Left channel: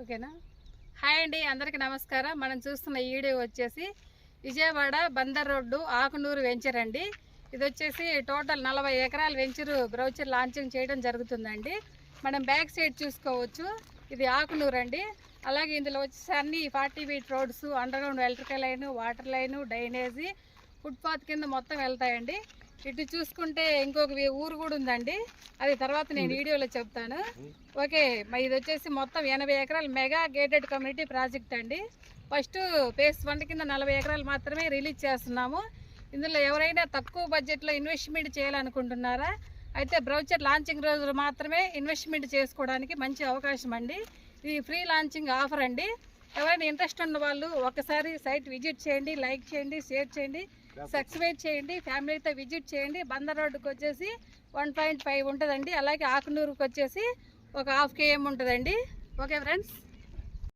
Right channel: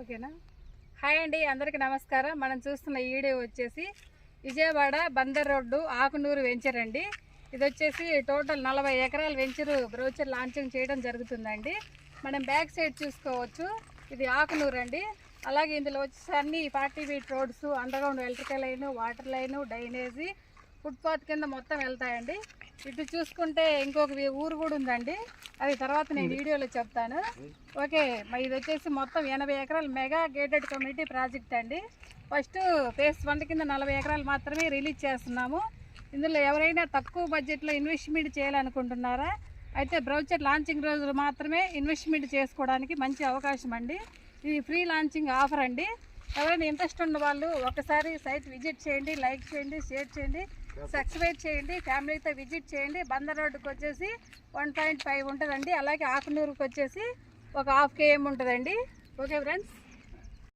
ఓకేనా. హాయ్ అండి, అందరికీ నమస్కారం. మనం చూస్తున్న ఈ వీడియో వచ్చేసి విజయవాడ బందర్ రోడ్డు ఆకునూరు వెంచర్ అండి. ఇది వచ్చేసి టోటల్ 40 ఎకరాల వెంచరు బ్రౌచర్ లాంచింగ్ చేయడం జరుగుతుందండి. మనం బ్యాక్ సైడ్ చూసుకోవచ్చు, ఇది ఆకునూరు అండి. అలాగే ఇందులో వచ్చేసి అన్ని 40 feet roads, underground electrical line, water line, drainage, footpath కింద మొత్తం వెళ్తాయండి. ఇటు చూసుకుంటే ఇంకొక ఊరు కూడా ఉందండి, అది తర్వాత నేను వీడియోలో చెప్తాను. ఓకే, ఇది వచ్చేసి మొత్తం 80 ఎకరాల మెగా గేటెడ్ కమ్యూనిటీ ప్రాజెక్ట్ అండి. ఫస్ట్ ఫేజ్ 1 కింద 40 ఎకరాలు మాత్రమే రిలీజ్ చేస్తున్నాము. ఇందులో ఎవరైనా తక్కువ బడ్జెట్లో ఇన్వెస్ట్మెంట్ చేయాలనుకుంటున్నారా అయితే బ్రౌచర్ లాంచింగ్ రోజులు మాత్రమే ఇన్వెస్ట్మెంట్ చేసుకోవడానికి మంచి అవకాశం అండి. ఇది ఫ్రీ లాంచింగ్ ఆఫర్ అండి. ఎవరైనా ఇంట్రెస్ట్ ఉన్న వాళ్ళు ఒకసారి సైట్ విజిట్ చేయండి, లైక్ చేయండి, షేర్ చేయండి, సబ్స్క్రైబ్ చేయండి, ఫ్యామిలీతో విజిట్ చేయండి. బందర్ రోడ్డుకి వచ్చేసి 1.5 ఉంటుందండి. అలాగే ఆకునూరుకి వచ్చేసి ఒక 0.5 km ఉంటుందండి. Okay friends.